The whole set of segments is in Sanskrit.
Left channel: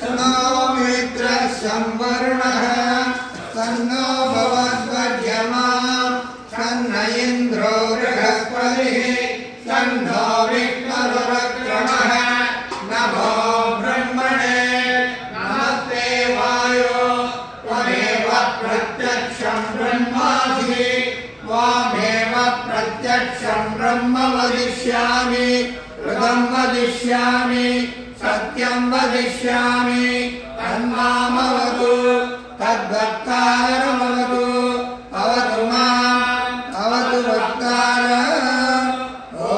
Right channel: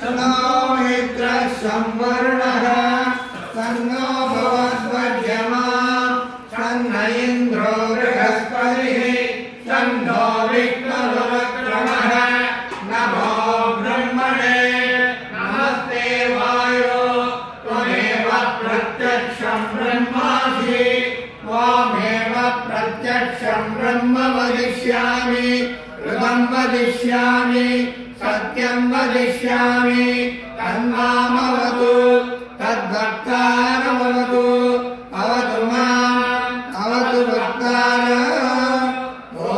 तन्नो मित्रः संवर्णः तन्नो भवद्वर्यमा तन्न इन्द्रो बृहस्पतिः तन्नो विष्णुरुक्रमः नमो ब्रह्मणे नमस्ते वायो त्वमेव प्रत्यक्षं ब्रह्मासि त्वामेव प्रत्यक्षं ब्रह्म वदिष्यामि ऋतं वदिष्यामि सत्यं वदिष्यामि तन्मामवतु तद्वक्तारमवतु अवतु माम् अवतु वक्तारम् ॐ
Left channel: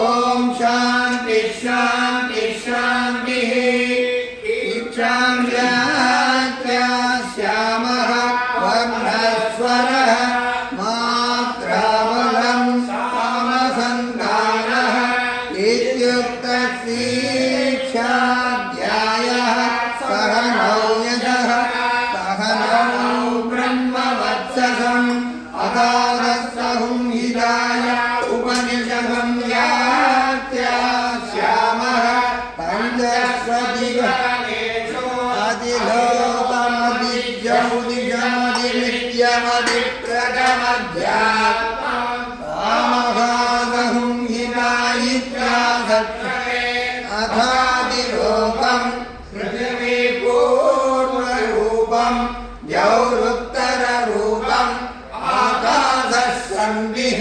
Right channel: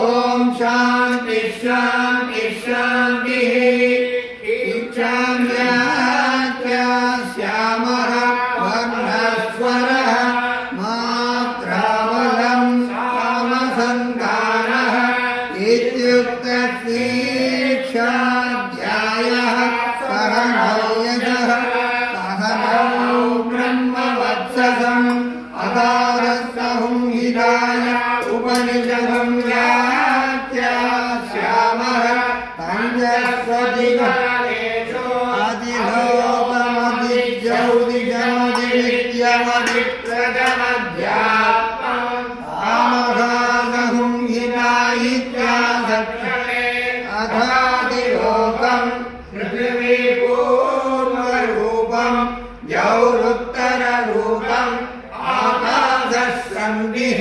शान्ति शान्ति शान्तिः इच्छाम्या श्यामः वर्णस्वरः मात्राबलं कामसन्धानः इत्युक्तस्येच्छाध्यायः सहनौ यजः सहनौ ब्रह्मवत्ससम् अदारस्सहुं हिताय उपनिषदं व्याख्यास्यामः पञ्चस्वधिकः आमगागहुं हितायित्यागच्छेऽथादिलोकं पृथिवीपूर्वरूपं द्यौरुत्तररूपम् आकाशस्सन्धिः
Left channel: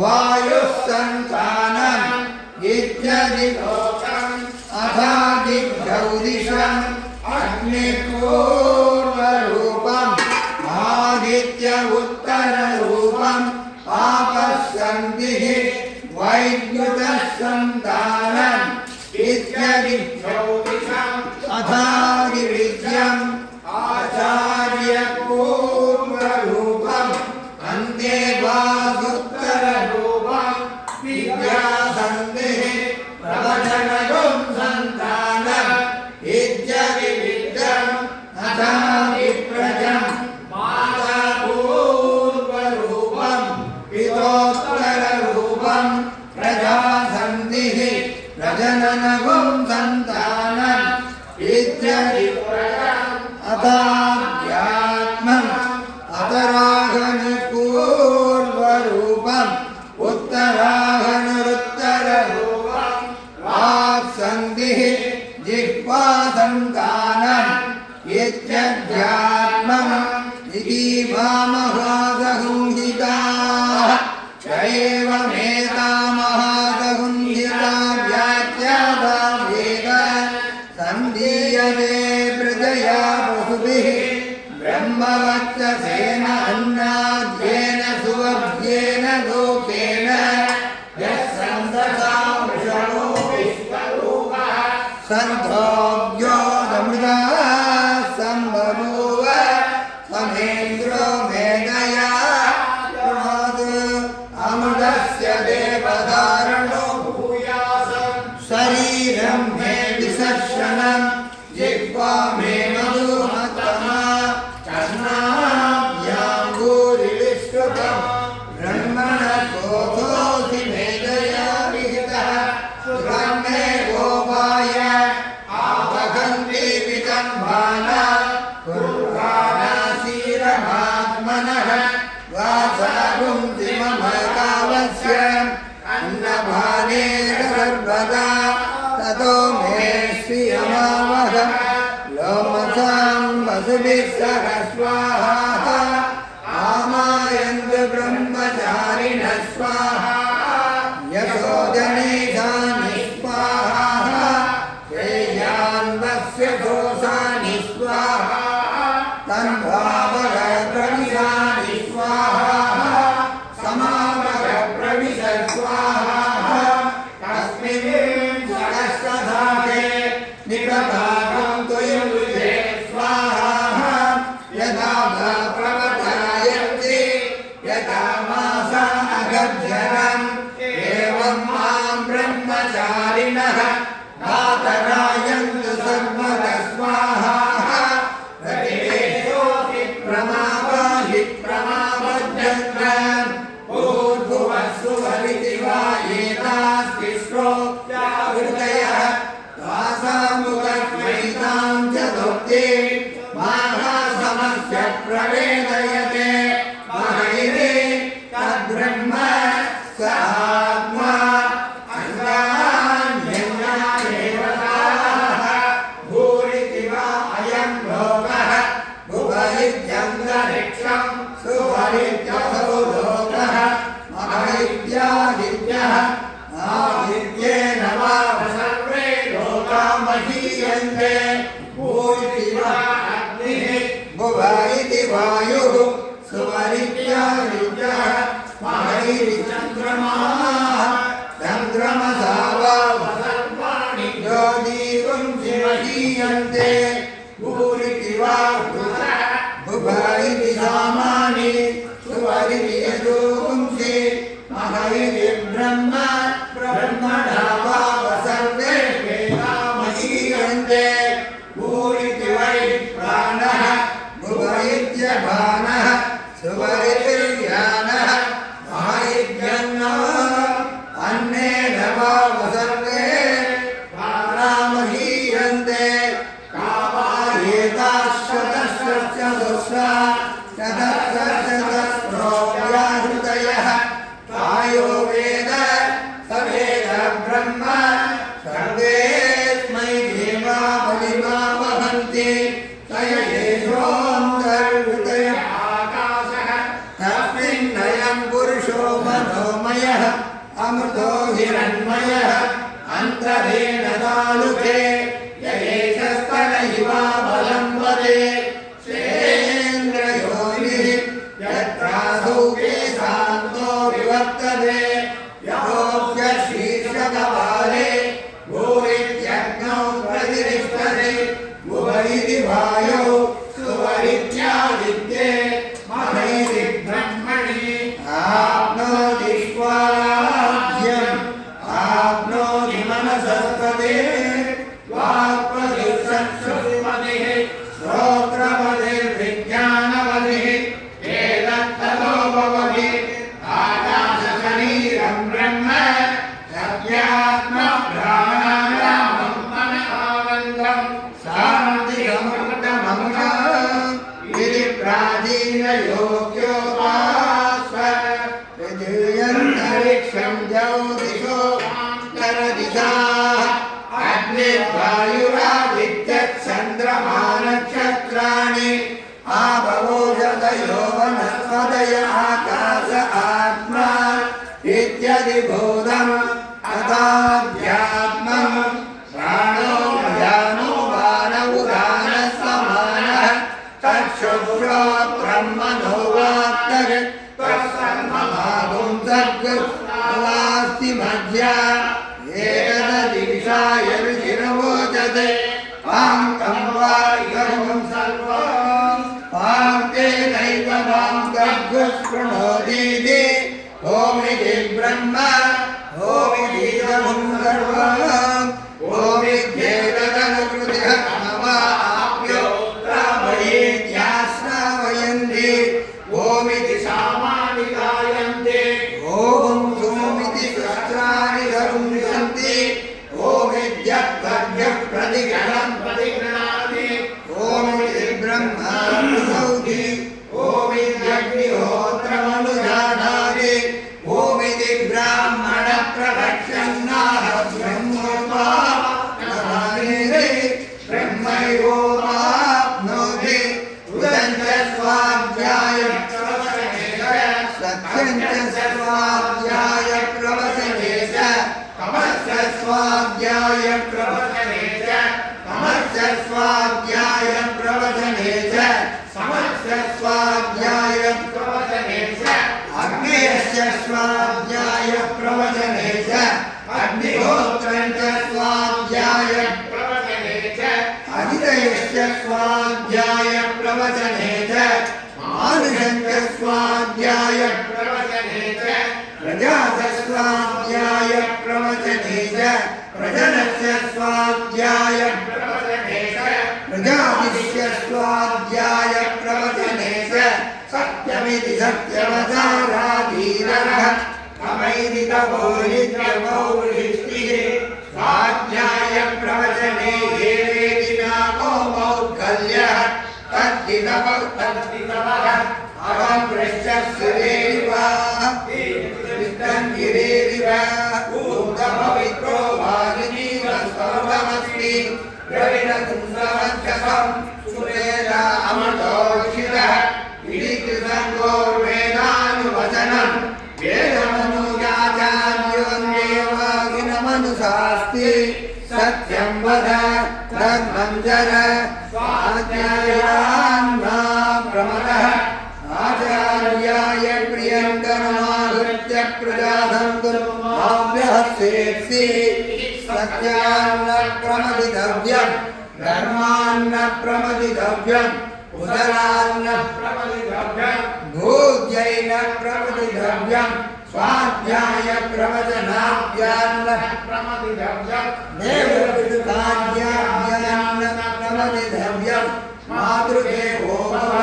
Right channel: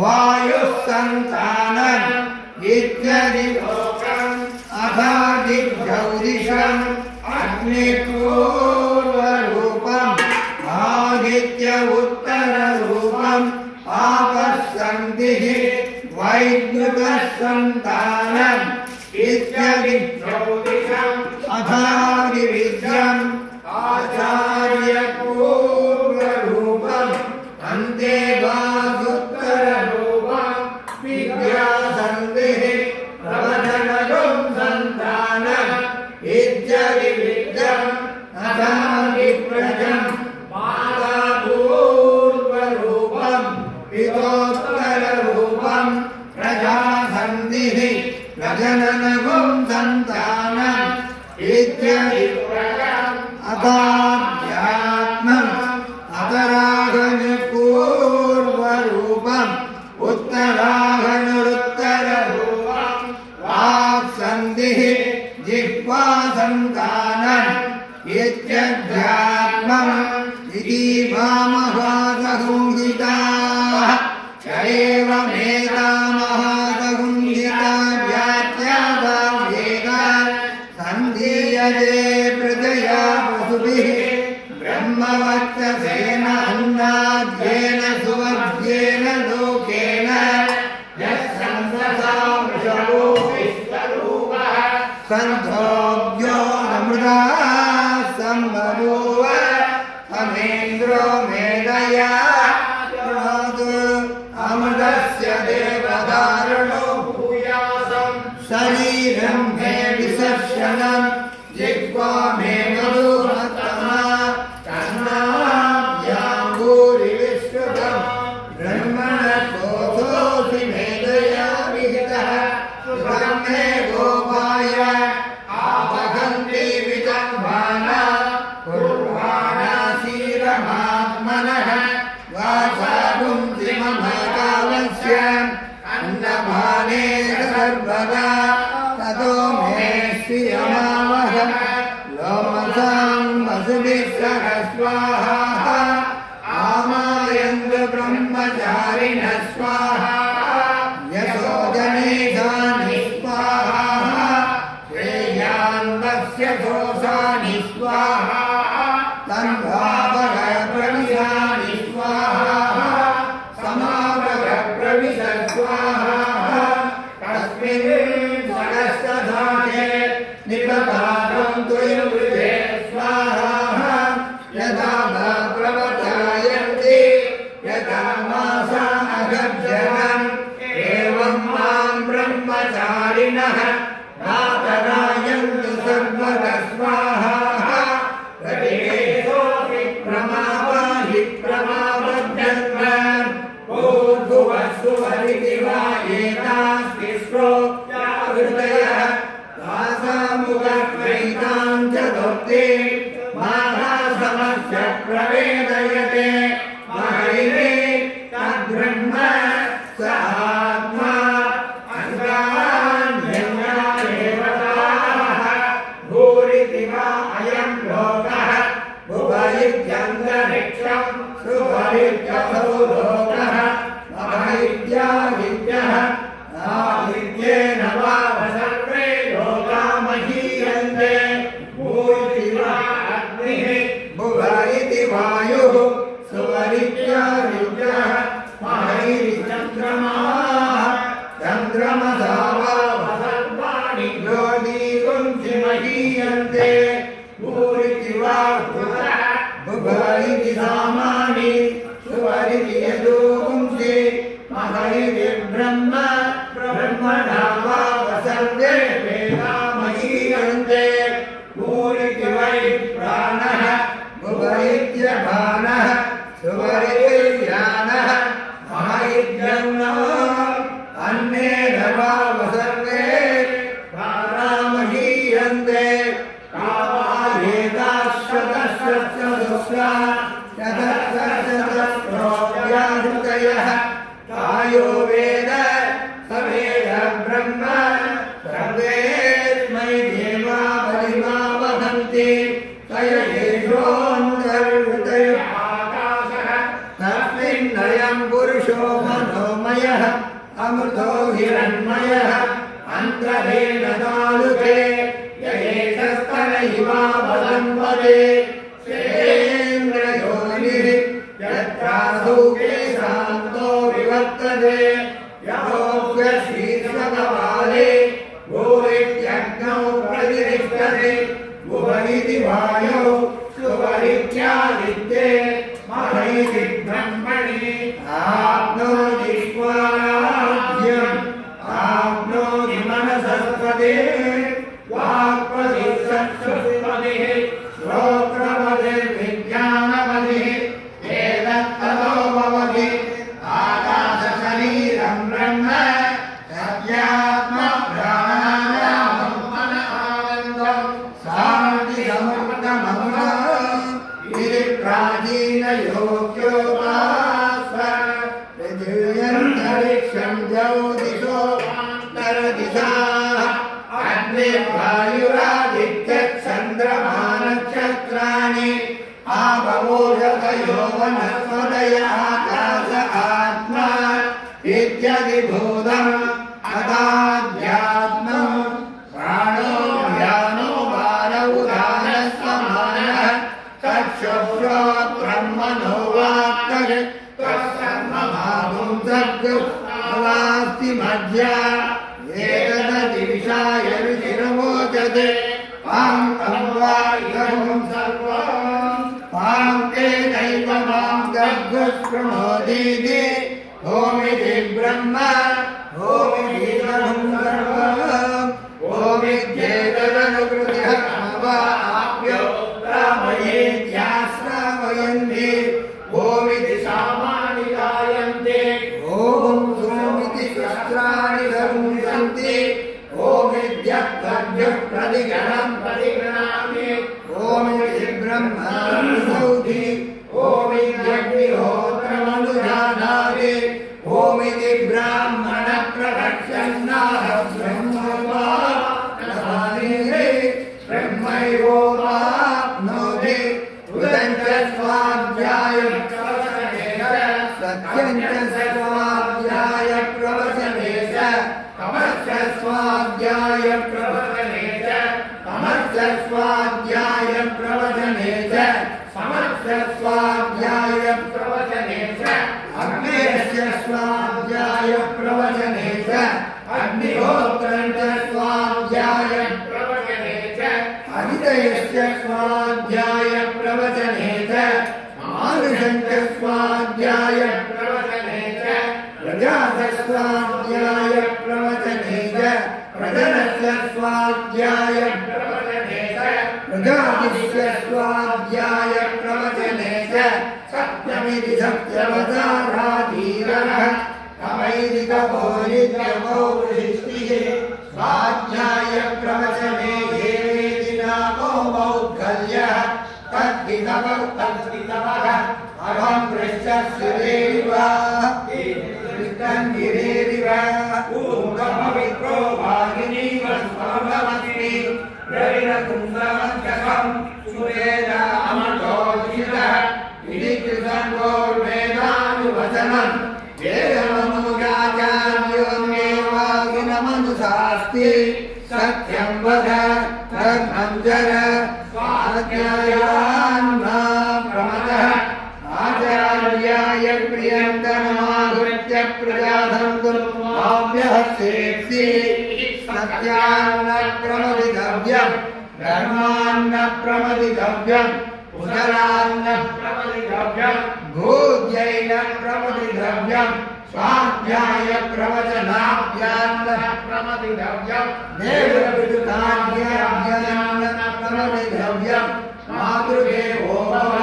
वायुः सन्तानम् इत्यदिलोकम् अथादिज्यौदिशम् अग्निपूर्वरूपम् आदित्य उत्तररूपम् आपस्सन्धिः वैद्युतः सन्तानम् इत्यदिज्यौतिषम् अथादिविद्यम् आचार्यपूर्वरूपम् अन्ते वासुत्तररूपम् विद्यासन्धिः प्रवचनगुं सन्तानम् इत्यदिविद्यम् अथादिप्रजम् मातापूर्वरूपम् पितोत्तररूपम् प्रजासन्धिः प्रजननगुं सन्तानम् इत्यदिप्रजम् अथाध्यात्मम् अतरागणपूर्वरूपम् उत्तरागणरुत्तररूपम् वाक्सन्धिः जिह्वासन्तानम् इत्यध्यात्मम् इति महामहासंहिताः एवमेतामहासंहिता व्याख्याता वेदा सन्धीयते प्रजया पशुभिः ब्रह्मवक्षसेन अन्नाद्येन सुवर्ग्येन लोकेन यस्सन्दसा वृषभो विश्वरूपः सन्धोऽभ्यो नमृता सम्बभूव समेन्द्रो मेधया कृणोतु अमृतस्य देवधारणो भूयासम् शरीरं मे विसर्शनम् जिह्वा मे मधुमत्तमा कर्णाभ्याङ्गूरिविश्रुतम् ब्रह्मणकोशोऽसि मेधया विहितः सुखं मे गोपाय आवहन्ति विजम्भाना कुर्वाणासीरमात्मनः वासागुंसि मम कालस्य अन्नभागे सर्वदा ततो मे श्रियमावहम् लोमसां वसुभिः सह स्वाहा आमायन्तु ब्रह्मचारिणः स्वाहा यशो जनेशानि स्वाहा श्रेयान्दस्य दोषानि स्वाहा तन्भावः प्रविशानि स्वाहा समावः प्रविश स्वाहा तस्मिन् स्वरस्तधाते निपताकं तुयुजे स्वाहा यदा प्रवतायन्ति यदा मासा अगर्जनम् एवं मां ब्रह्मचारिणः दातरायन्तु सर्वदा स्वाहा प्रतिवेशोऽपि इत्यन्तरिक्षं सुवरित्यसौरोगः महैत्यादित्यः आदित्येन वा सर्वे लोका महीयन्ते भूरिति वा अग्निः भुव इति वायुः सुवरित्यादित्यः महैरिचन्द्रमाः चन्द्रमसा वा सर्वाणि ज्योतिरुंसि महीयन्ते भूरिति वा भुव इति सामानि सुवरिति यजोपुंसि महैरि ब्रह्म ब्रह्मणा वा सर्वे वेदा महीयन्ते भूरिति वै प्राणः भुव इत्यपानः सुवरितिर्यानः महैर्यन्नः अन्नेन वा सर्वे प्राणा महीयन्ते हृदयः तायो वेद स वेद ब्रह्म सर्वेस्मै देवा बलिमा वहन्ति तयेषोऽन्तर्हृदय आकाशः तस्मिन्नयं पुरुषो मनोमयः अमृतो हिरण्मयः अन्तरेण तालुके ययेतस्तन इवा बलं वदे सेन्द्रयोनिः यत्रासौके शान्तो विवर्तते यतोऽप्य शीर्षकपाले भूरित्यग्नौ प्रतिष्ठते भुव इति वायौ सुवरित्यादित्ये महैरि ब्रह्मणि आप्नोति स्वाराज्यम् आप्नोति मनसस्पते वाक्पतिश्चक्षुष्पतिः श्रोत्रपतिर्विज्ञानपतिः एतत्ततो भवति आकाशशरीरं ब्रह्म सत्यात्मप्राणानां मनः शान्तिसमृद्धममृतम् इति प्राचीनयोग्योपास्व पृथिव्यन्तरिक्षं ज्योतिषोऽन्तरदिशाः अग्निर्वायुरादित्यश्चन्द्रमानक्षत्राणि आवोषधयो वनस्पतय आकाश आत्मा इत्यधिभूतम् अथाध्यात्मम् प्राणो ज्ञानो बाण उदानः समानः तच्छुश्रोत्रं मनो वाक्तः तत्सर्वमागुं सर्गस्ति मध्या एकददिशाय रुचिरवोचते पाङ्कं वा इदं सर्वं पाङ्केनैव पाङ्कर्गुस्पृणोतीति ओमिति ब्रह्म ओमितीदं सर्वम् ओमित्येतदनुकृतिः नवाप्यो रामयेत्याश्रावयन्ति ओमिति सामानि गायन्ते ॐ सोमिति शस्त्राणि धरुन्ति ओमित्यग्निः प्रतिगणं प्रतिगृह्णाति ओमिति ब्रह्मा प्रसौति ओमित्यग्निहोत्रमनुजानाति ओमिति ब्राह्मण प्रवक्षन्नाः ब्रह्मवा ब्रह्मैवोपाप्नोति उदञ्च स्वाध्याय सत्यं च स्वाध्याय प्रवचने च तमश्च स्वाध्याय प्रवचने च तमश्च स्वाध्याय प्रवचने च समश्च स्वाध्याय प्रवचने च अग्नेयस्य स्वाध्याय प्रवचने च अग्निहोत्रं च स्वाध्याय प्रवचने च अदितयस्य स्वाध्याय प्रवचने च मानुषं च स्वाध्याय प्रवचने च प्रजास्वाध्याय प्रवचने च प्रजनस्य स्वाध्याय प्रवचने च प्रजातिस्य स्वाध्याय प्रवचने च सत्यमिति सत्यवताराधीरः तमैति तपोनित्यमो वृष्टिः स्वाध्याय प्रवचने येवेति नामो मौद्गल्यः तद्धितपः अहं वृक्षस्थिरेरिव विष्टन्गिरेरिव ऊर्ध्वपवित्रो भागिनीव स्वभवस्मि द्रविणकुण्डमध्यकं सुवेदा अमृतोषित आज्ञायान्ना प्रमदः आचार्याय प्रियङ्करमागृत्य प्रजातं कुर्वाभ्यहस्तेऽसि सत्यान्न प्रमदितव्यम् धर्मान्न प्रमदितव्यम् उदरान्न प्रमदितव्यम् भोज्यैन प्रमदितव्यम् स्वाध्याय प्रवचनाभ्यान्न प्रमदितव्यम् देवविदुताभ्यान्न प्रमदितव्यम् मातृदेवो भव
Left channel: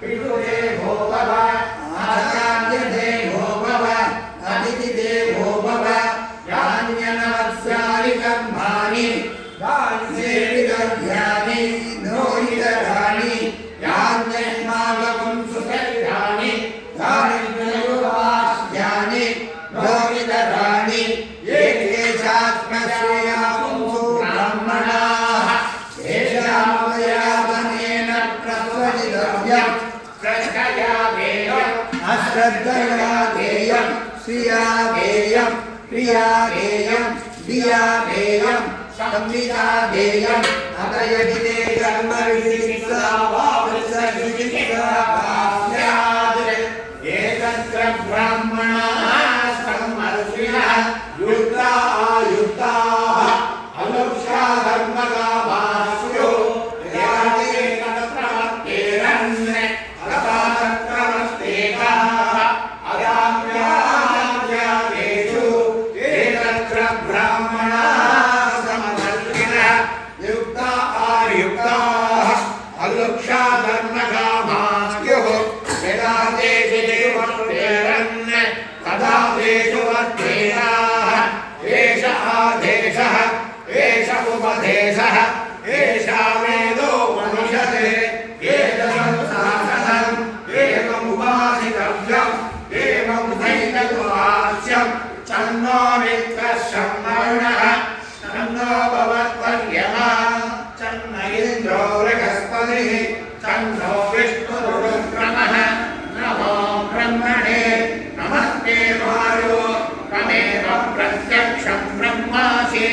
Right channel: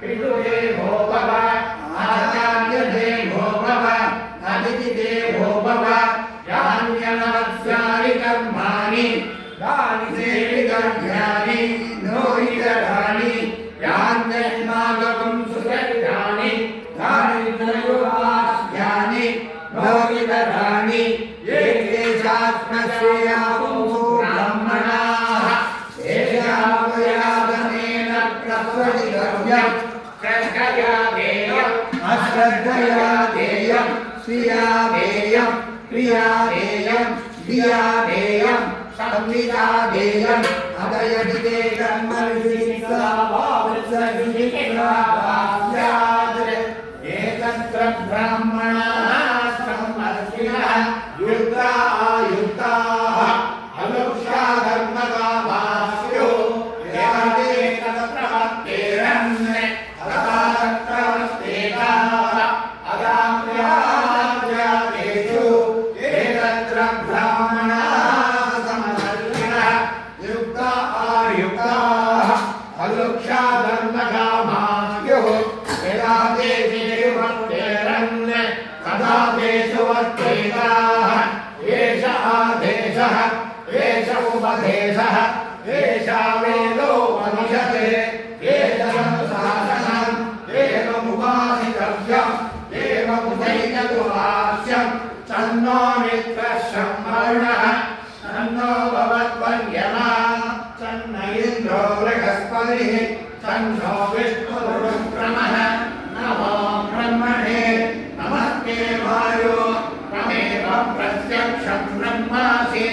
पितृदेवो भव आचार्यदेवो भव अतिथिदेवो भव यान्यनवत्सानि कर्माणि सेवितव्यानि नोहितराणि यान्यस्माकं सुचरितानि यानि त्रयोवास्यानि नोहितराणि ये केशात्मश्रेयापुंसो ब्राह्मणाः येषामवयादनेन प्रस्वजितव्यम् श्रद्धया देयम् अश्रद्धया देयम् श्रिया देयम् प्रिया देयम् धिया देयम् संविदा देयम् अतयदिते कर्मविधिक्षा वा वृत्सविधिक्षा वा स्यात् एकत्र ब्राह्मणाः सम्मर्षिणः युक्ता आयुक्ताः अनुक्षा धर्मकामास्यो याते तत्रवत्तेरन्य अगात्रवस्तेकाः अगाम्याद्यादेषु एकत्र ब्राह्मणाः समदर्शिनः युक्ता आयुक्ताः अनुक्षा धर्मकामास्युः यदा तेषु देवर्तेरन् तदा तेषु वर्तेताः एष आदेशः एष उपदेशः एषा वेदो मनुष्यते एतदनुशासनम् एवमुपासितव्यम् एवमुदैकवाच्यम् तन्नो मित्रः संवर्णः तन्नो भवत्वर्यमा तन्न इन्द्रो बृहस्पतिः तन्नो विष्णुरुक्रमः नमो ब्रह्मणे नमस्ते वायो त्वमेव प्रत्यक्षं ब्रह्मासि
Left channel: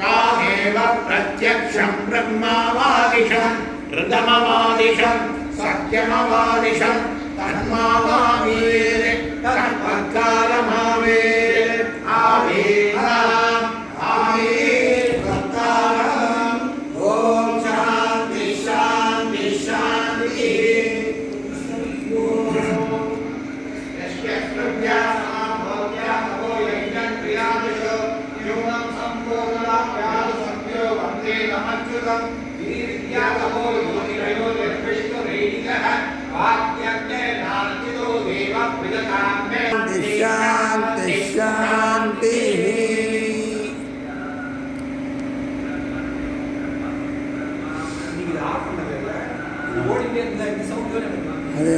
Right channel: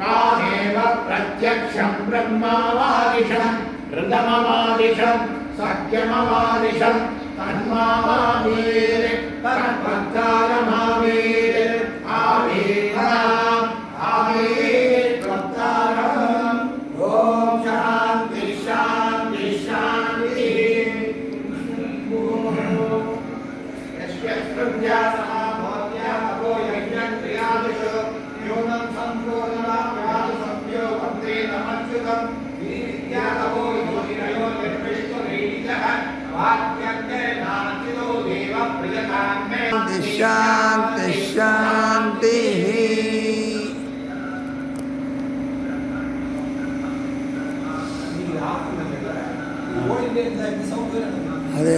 त्वामेव प्रत्यक्षं ब्रह्मावादिशं ऋतमवादिशं सत्यमवादिशं तन्मावामीरे तत्पत्कालमामीरे आवीराम् आवीर्वत्तारम् ॐ शान्ति शान्ति शान्तिः यस्य कृत्यानां भोग्यातपो यज्ञं क्रियादिषु न्यूनं सम्पूर्णलाभ्यात् सत्यो वन्दे नमच्युतं वीर्यातपो योनिरयो निर्विष्णुरेणिकः वाक्यज्ञे नार्चितो देव प्रियतां मे शान्ति शान्तिः अदे